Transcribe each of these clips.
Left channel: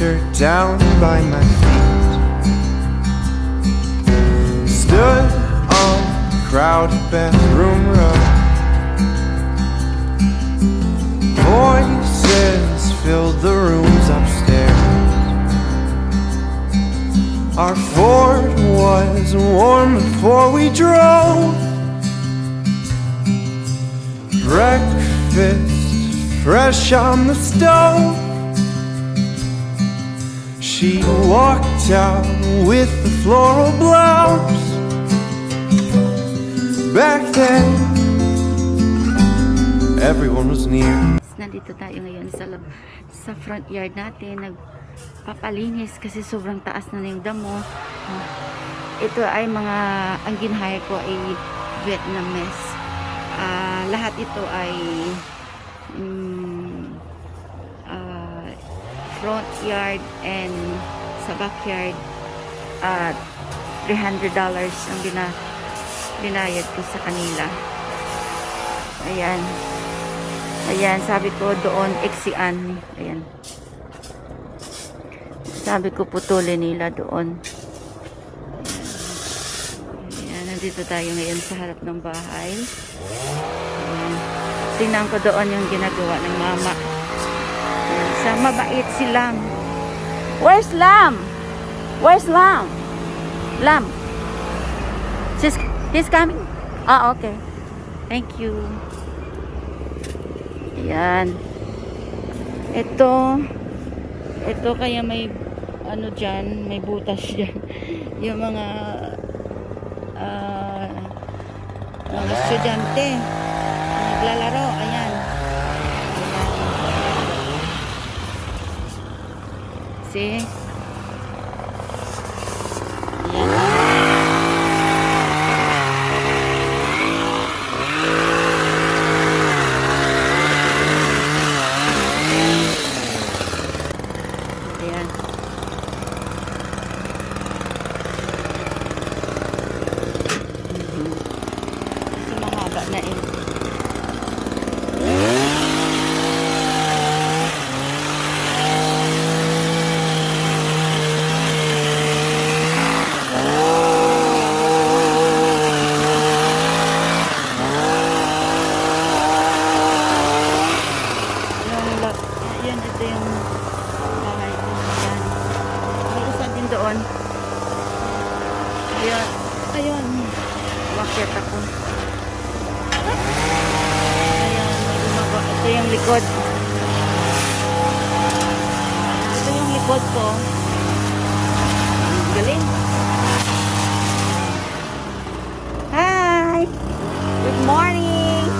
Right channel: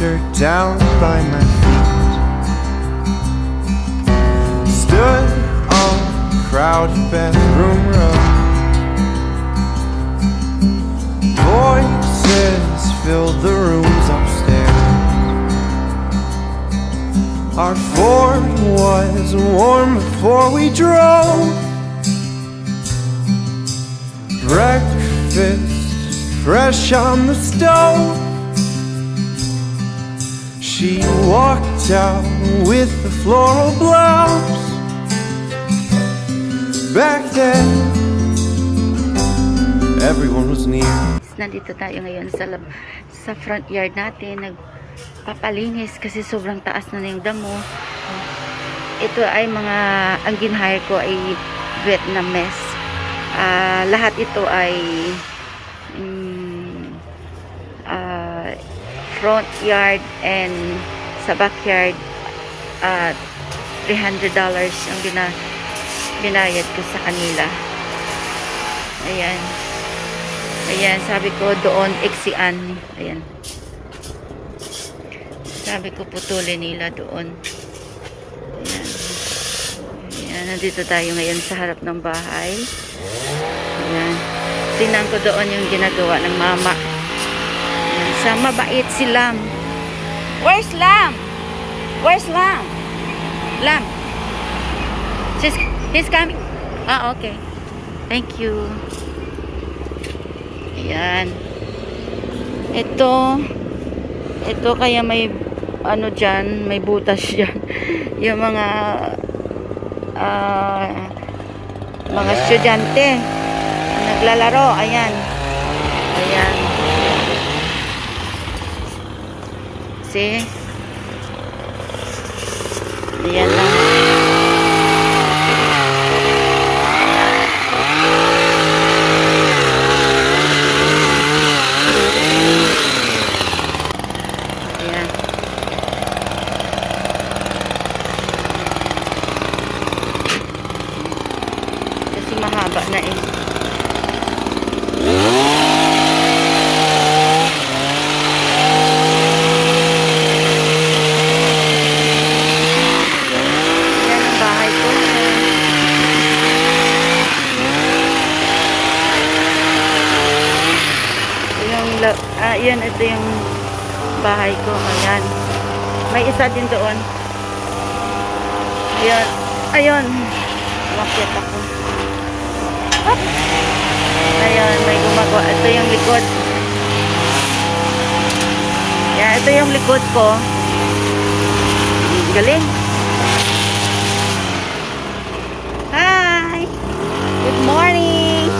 t-shirt down by my feet. Stood on crowded bathroom rug. Voices filled the rooms upstairs. Our Ford was warm before we drove. Breakfast fresh on the stove. She walked out with the floral blouse. Back then, everyone was near. Nandito tayo ngayon sa front yard natin. Nagpapalinis kasi sobrang taas na yung damo. Ito ay ang ginhire ko ay Vietnamese. Lahat ito ay front yard and sa backyard. $300 ang binayad ko sa kanila. Ayan. Ayan, sabi ko doon eksian. Ayan. Sabi ko putulin nila doon. Ayan. Ayan, nandito tayo ngayon sa harap ng bahay. Ayan. Tingnan ko doon yung ginagawa ng mama. Ayan. Sa mabait si Lam. Where's Lam? Where's Lam? Lam. He's coming. Ah, okay. Thank you. Ayan. Ito kaya may ano dyan, may butas dyan. Yung mga estudyante naglalaro. Ayan. Ayan. See? Ayan lang. Mahaba na eh. Yan ang bahay ko. Ito yung bahay ko. Ayan. May isa din doon. Ayan. Ayun. Umakyat ako. Ayan, may gumagawa. Ito yung likod. Yan, ito yung likod ko. Galing. Hi! Good morning!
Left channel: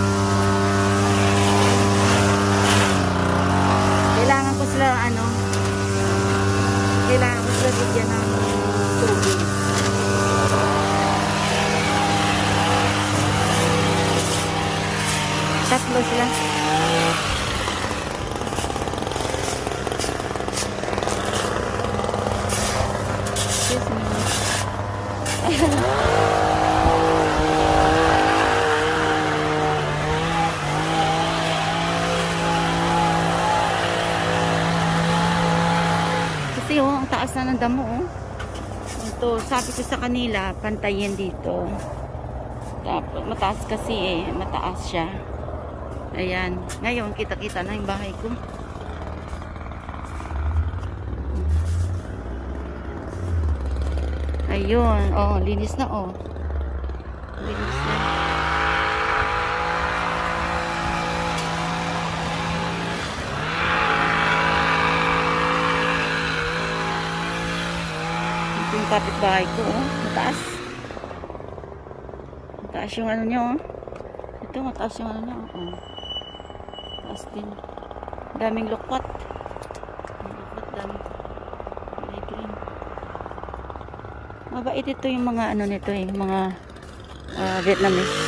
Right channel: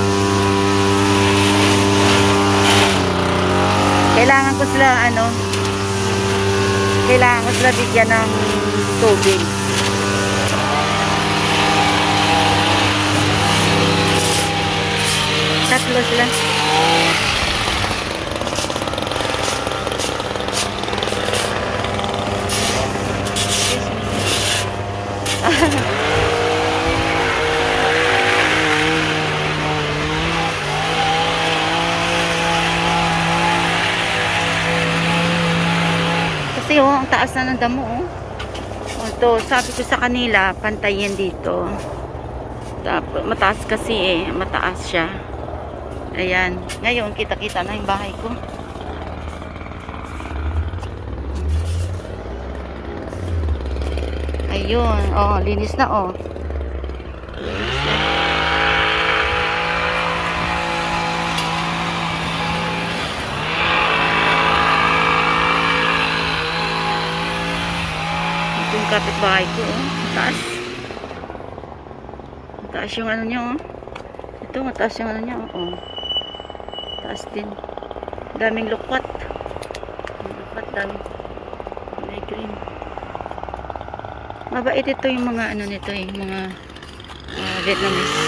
Kailangan ko sila bigyan ng tubig. Tatlo sila. Excuse me. Kasi ang taas na ng damo. Ito, sabi ko sa kanila, pantayin dito. Tapos, mataas kasi mataas siya. Ayan. Ngayon, kita-kita na yung bahay ko. Ayun. Oh, linis na oh. Linis na. Ito yung kapitbahay ko oh. Mataas. Mataas yung ano niya oh. Ito, mataas yung ano niya oh. Taas din. Daming lukwat. Daming may green. Mabait ito yung mga ano nito mga Vietnamese.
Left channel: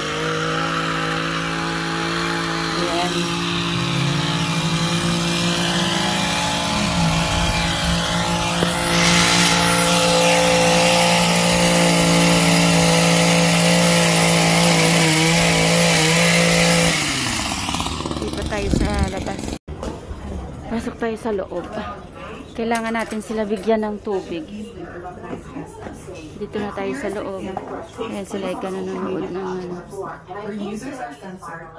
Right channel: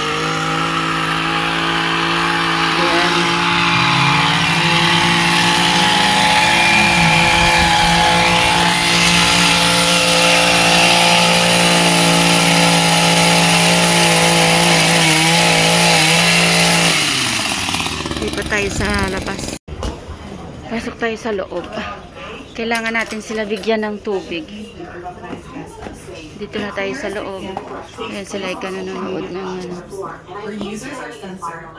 Ayan. Tayo sa labas. Pasok tayo sa loob. Kailangan natin sila bigyan ng tubig. Dito na tayo sa loob. Ayan sila ay nanonood ng ano.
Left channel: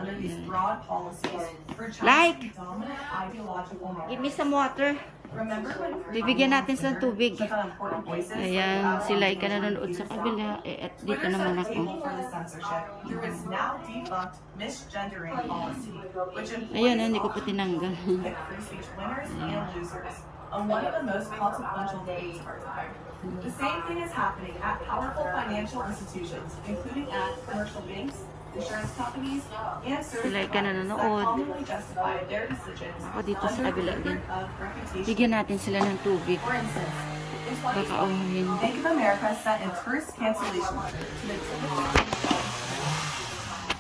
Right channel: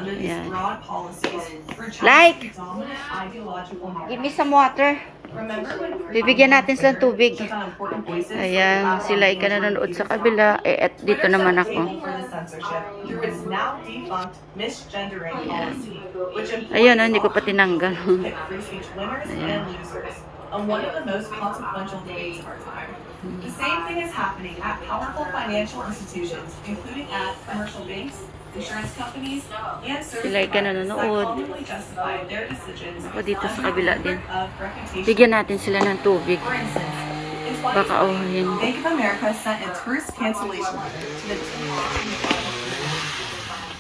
Ayan. Like! Give me some water. Bibigyan natin silang tubig. Ayan, sila ay nanonood sa kabila. At dito naman ako. Ayan, hindi ko pa tinanggal. Ayan. One of the most consequential debates of our time. The same thing is happening at powerful financial institutions, including at commercial banks, insurance companies, and service providers that commonly justify their decisions Dito sa kabila din. of reputation. Bigyan natin sila ng tubig. For instance, in Baka 2020, awahin. Bank of America sent a tourist cancellation letter to the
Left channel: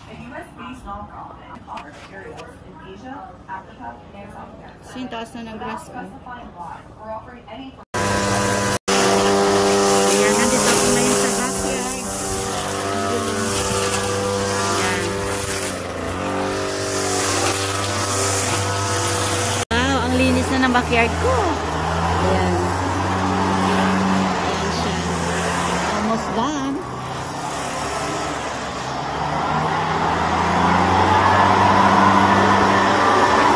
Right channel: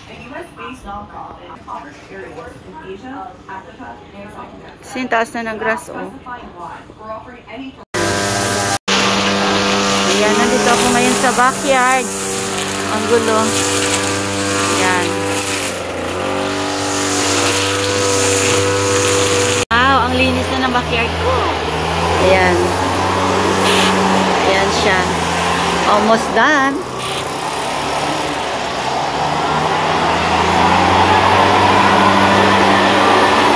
a U.S.-based nonprofit that offers areas in Asia, Africa, and South America. Sintaas na ng grass, oh. Specifying why we're offering any Ayan, nandito ako ngayon sa backyard. Ang gulo. Ayan. Wow, ang linis na ng backyard ko. Ayan. Ayan siya. Almost done.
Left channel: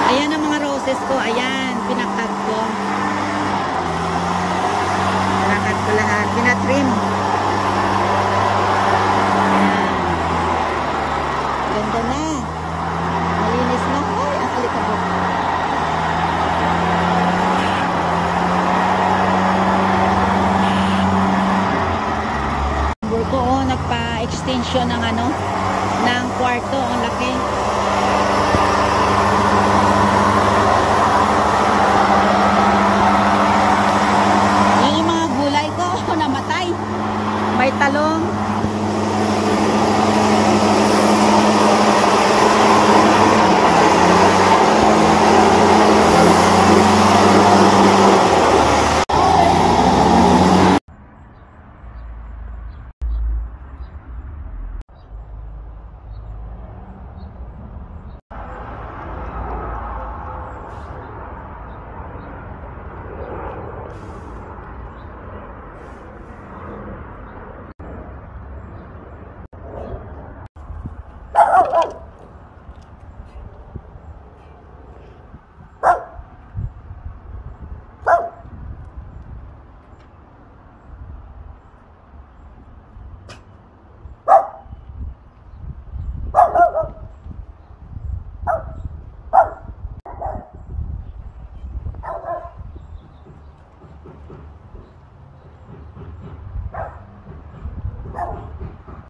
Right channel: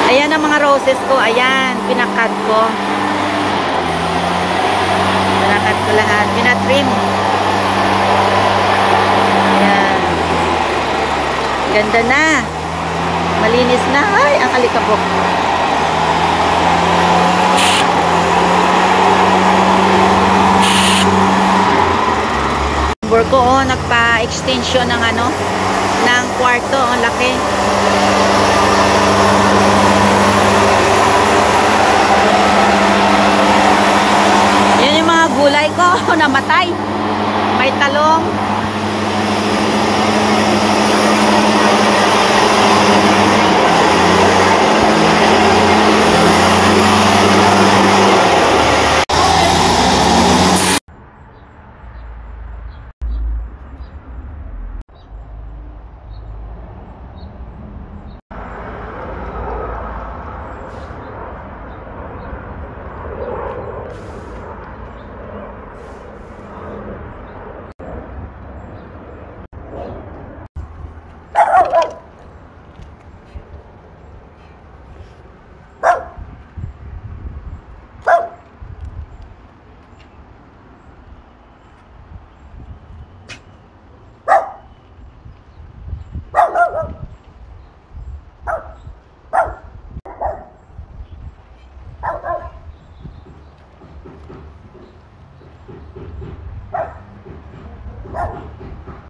Ayan ang mga roses ko. Ayan, pinakat ko. Pinakat ko lahat. Pinatrim. Ayan. Ganda na. Malinis na. Ay, ang alikabok. Ko, oh, nagpa-extension ng ano, ng kwarto. Ang laki. Yan yung mga gulay ko namatay. May talong.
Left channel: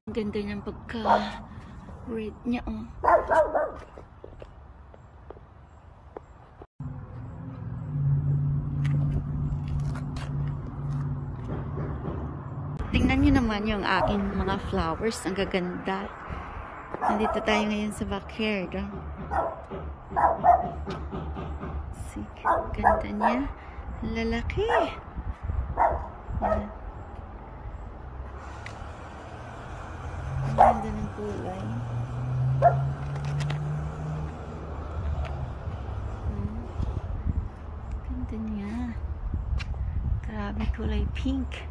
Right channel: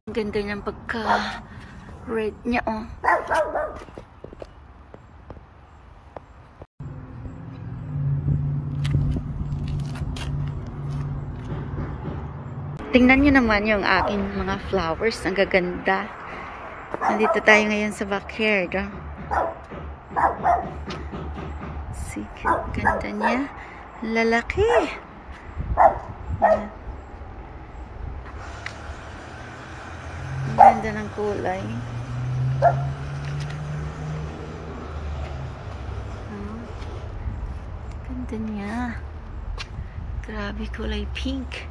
Ang ganda niyang pagka-red niya, oh. Tingnan niyo naman yung aking mga flowers. Ang gaganda. Nandito tayo ngayon sa backyard, oh. See, ganda niya. Lalaki. Ayan. Ang ganda ng kulay. Ganda niya. Grabe, kulay pink.